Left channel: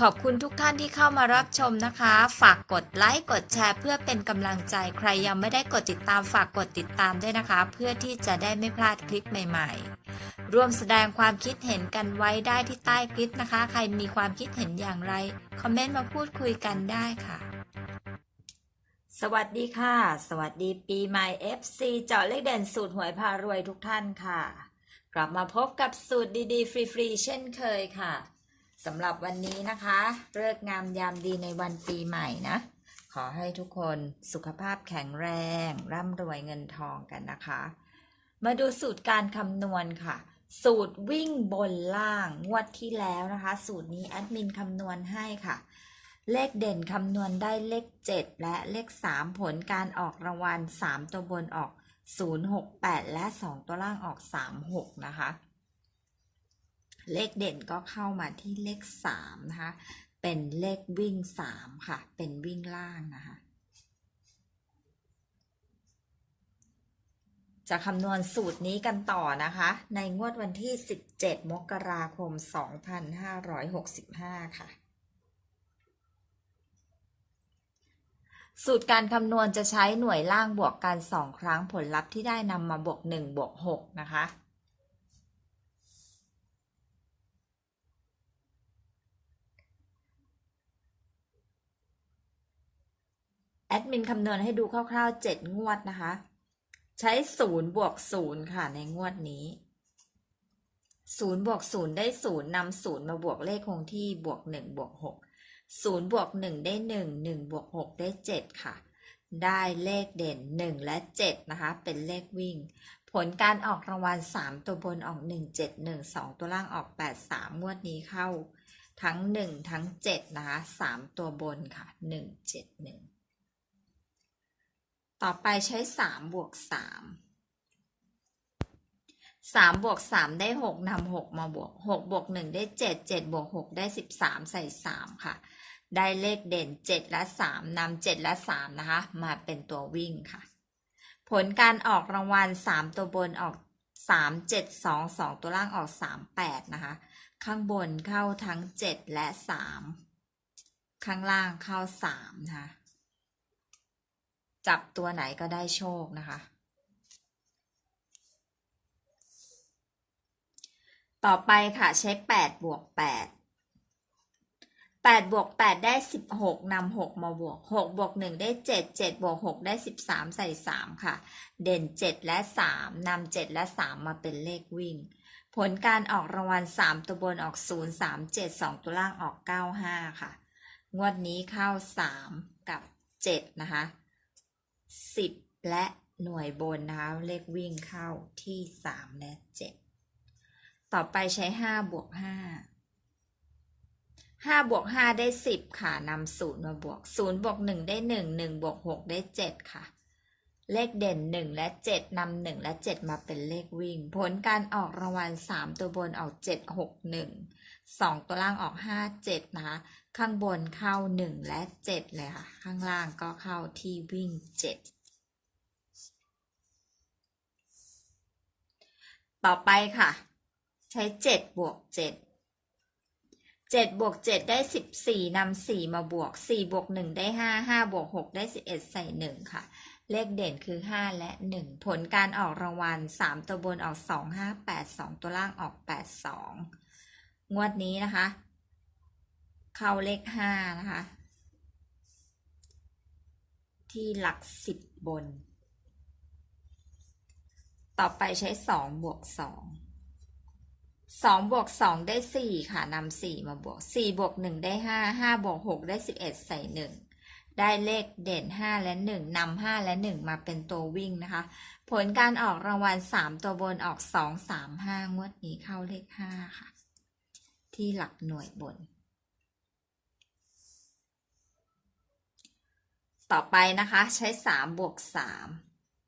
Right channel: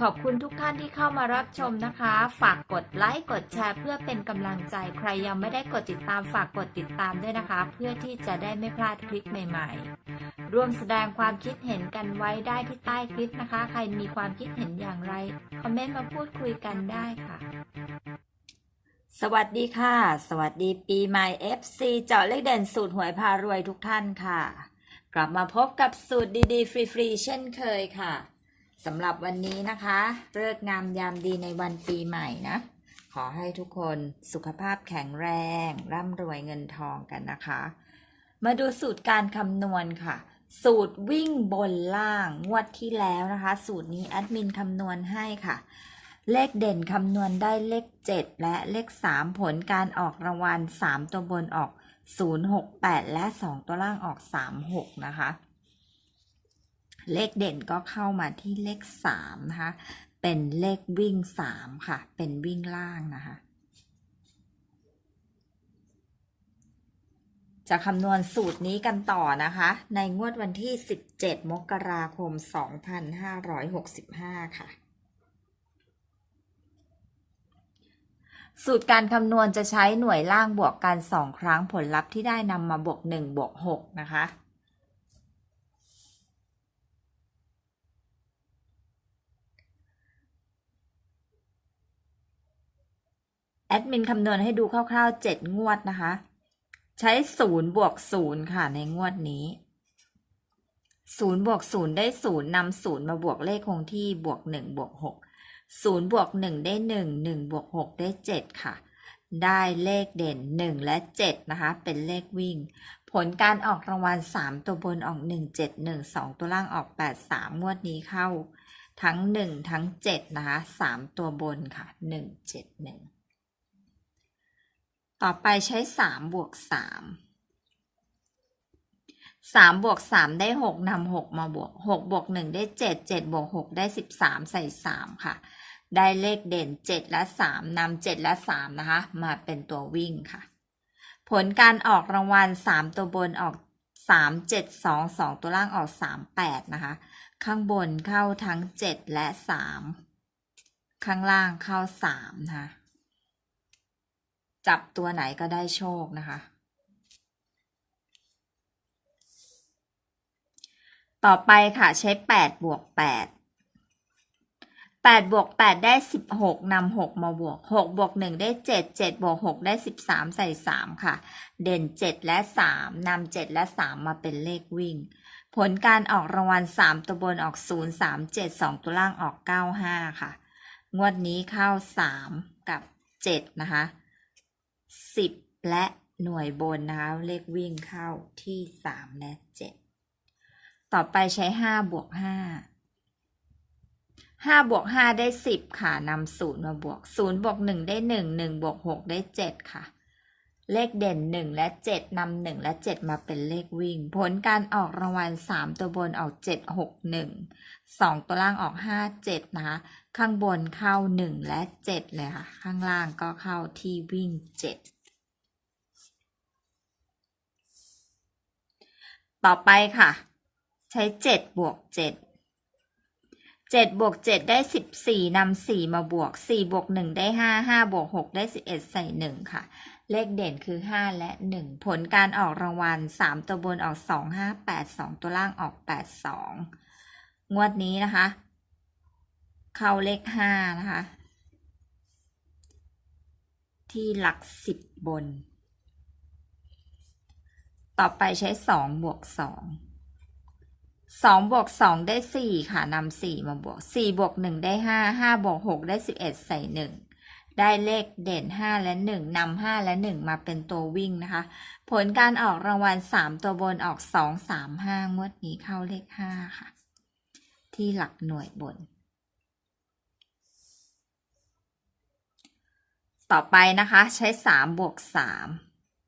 ขอบคุณทุกท่านที่เข้ามารับชมนะคะ ฝากกดไลค์ กดแชร์เพื่อเป็นกำลังใจ ใครยังไม่ได้กดติดตามฝากกดติดตามด้วยนะคะ เพื่อที่จะได้ไม่พลาดคลิปใหม่ๆ ร่วมแสดงความคิดเห็นกันไว้ได้ที่ใต้คลิปนะคะ ใครมีความคิดเห็นอย่างไร คอมเมนต์มาพูดคุยกันได้ค่ะ สวัสดีค่ะ สวัสดีปีใหม่ FC เจาะเลขเด่นสูตรหวยพารวยทุกท่านค่ะ กลับมาพบกับสูตรดีๆ ฟรีๆเช่นเคยค่ะ สำหรับวันนี้นะคะเลิกงามยามดีในวันปีใหม่นะ ขอให้ทุกคนสุขภาพแข็งแรง ร่ำรวยเงินทองกันนะคะ มาดูสูตรการคำนวณค่ะ สูตรวิ่งบนล่างงวดที่แล้วนะคะ สูตรนี้แอดมินคำนวณให้ค่ะ เลขเด่นคำนวณได้เลข 7 และเลข 3 ผลการออกรางวัล3ตัวบนออก 068 และ 2 ตัวล่างออก 36 นะคะ เลขเด่นก็เข้ามาที่เลข3นะคะ เป็นเลขวิ่ง3ค่ะ เป็นวิ่งล่างนะคะ จะคำนวณสูตรนี้กันต่อนะคะ ในงวดวันที่ 17 มกราคม 2565 ค่ะ สูตรการคำนวณจะใช้หน่วยล่างบวกกัน 2 ครั้งผลลัพธ์ที่ได้นำมาบวก 1 บวก 6 นะคะ แอดมินคำนวณให้ดูคร่าวๆ 7 งวดนะคะ ใช้0บวก0ค่ะในงวดนี้0บวก0ได้0นำ0มาบวกเลขคงที่บวก1บวก6 0บวก1ได้1 1บวก6ได้ 7 ค่ะ ได้เลขเด่น 1 และ 7 นะคะ เป็นเลขวิ่ง ผลการออกรางวัล 3 ตัวบนออก 1 7 1 2 ตัวล่างออก 8 3 งวดนี้เข้า ทั้ง 1 ทั้ง 7 นะคะ 3 ตัวบนค่ะ 1 7 1 ต่อไปใช้3บวก3 3บวก3ได้6นำ6มาบวก6บวก1ได้7 7บวก6ได้13ใส่3ค่ะ ได้เลขเด่น7และ3นำ7และ3นะคะ มาเป็นตัววิ่งค่ะ ผลการออกรางวัล3ตัวบนออก3 7 2 2ตัวล่างออก3 8นะคะ ข้างบนเข้าทั้ง7และ3ข้างล่างเข้า3นะคะ จับตัวไหนก็ได้โชคนะคะ ต่อไปค่ะใช้8บวก8 8บวก8ได้16นำ6มาบวก6บวก1ได้7 7บวก6ได้13ใส่3ค่ะ เด่น7และ3นำ7และ3มาเป็นเลขวิ่ง ผลการออกรางวัล3ตัวบนออก0 3 7 2ตัวล่างออก9 5ค่ะ งวดนี้เข้า3กับ7นะคะ 10และหน่วยบนนะคะเลขวิ่งเข้าที่3และ7ต่อไปใช้5บวก5 5บวก5ได้10ค่ะนำศูนย์มาบวก0บวก1ได้1 1บวก6ได้7ค่ะ เลขเด่น1และ7นำ1และ7มาเป็นเลขวิ่ง ผลการออกรางวัล3ตัวบนออก7 6 1 2ตัวล่างออก5 7นะคะ ข้างบนเข้า 1 และ 7 เลยค่ะ ข้างล่างก็เข้าที่วิ่ง 7 ต่อไปค่ะ ใช้ 7 บวก 7 7บวก7ได้ 14นำ4มาบวก 4 บวก 1 ได้ 5 5 บวก 6 ได้ 11 ใส่ 1 ค่ะ เลขเด่นคือ 5 และ 1 ผลการออกรางวัล 3 ตัวบนออก 2 5 8 2 ตัวล่างออก 8 2 งวดนี้นะคะ เข้าเลข5นะคะ ที่หลัก10บบน ต่อไปใช้2บวก2 2บวก2ได้4ค่ะนำ4มาบวก4บวก1ได้5 5บวก6ได้11ใส่1ได้เลขเด่น 5 และ 1นำ5และ 1 มาเป็นตัววิ่งนะคะ ผลการออกรางวัล 3 ตัวบนออก 2 3 5 งวดนี้เข้าเลข 5 ค่ะ ที่หลักหน่วยบน ต่อไปนะคะ ใช้3บวก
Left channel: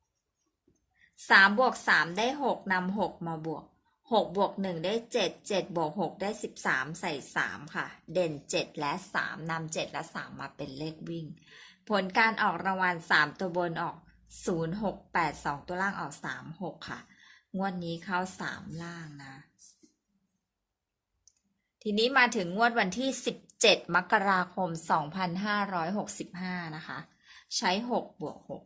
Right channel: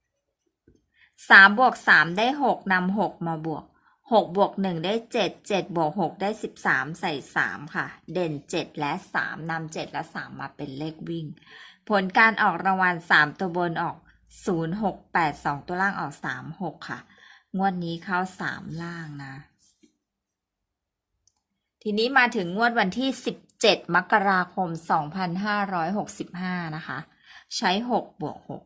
3 3บวก3ได้6นำ6มาบวก6บวก1ได้7 7บวก6ได้13ใส่3ค่ะ เด่น7และ3นำ7และ3มาเป็นเลขวิ่ง ผลการออกรางวัล3ตัวบนออก0 6 8 2ตัวล่างออก3 6ค่ะ งวดนี้เข้า3ล่างนะ ทีนี้มาถึงงวดวันที่17 7มกราคม2565นะคะ ใช้6บวก6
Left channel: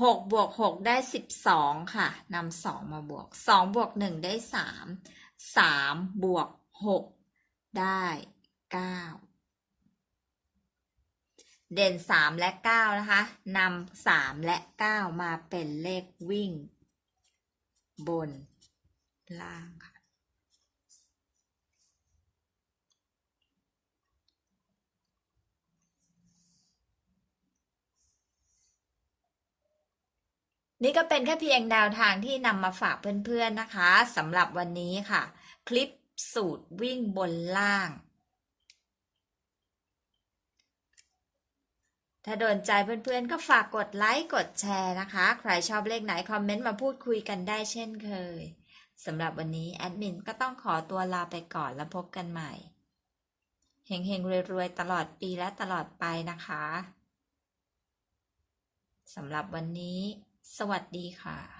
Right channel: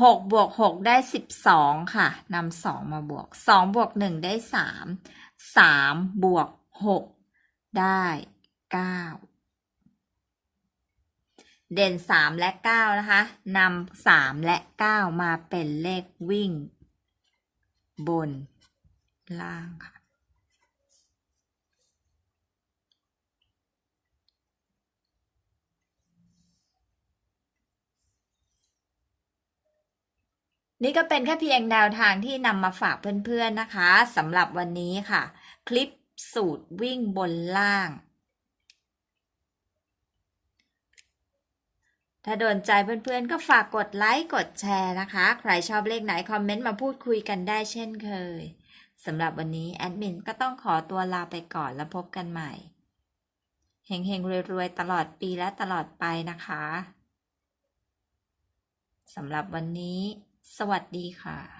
6บวก6ได้12ค่ะนำ2มาบวก2บวก1ได้3 3บวก6ได้9เด่น3และ9นะคะนำา3และ9มาเป็นเลขวิ่ง บนล่างค่ะ นี่ก็เป็นแค่เพียงแนวทางที่นำมาฝากเพื่อนๆนะคะสำหรับวันนี้ค่ะ คลิปสูตรวิ่งบนล่าง ถ้าโดนใจเพื่อนๆ ก็ฝากกดไลค์ กดแชร์นะคะ ใครชอบเลขไหน คอมเมนต์มาพูดคุยกันได้เช่นเคยสำหรับวันนี้แอดมินก็ต้องขอตัวลาไปก่อนแล้วพบกันใหม่เฮงๆรวยๆตลอดปีและตลอดไปนะคะสำหรับวันนี้ สวัสดีค่ะ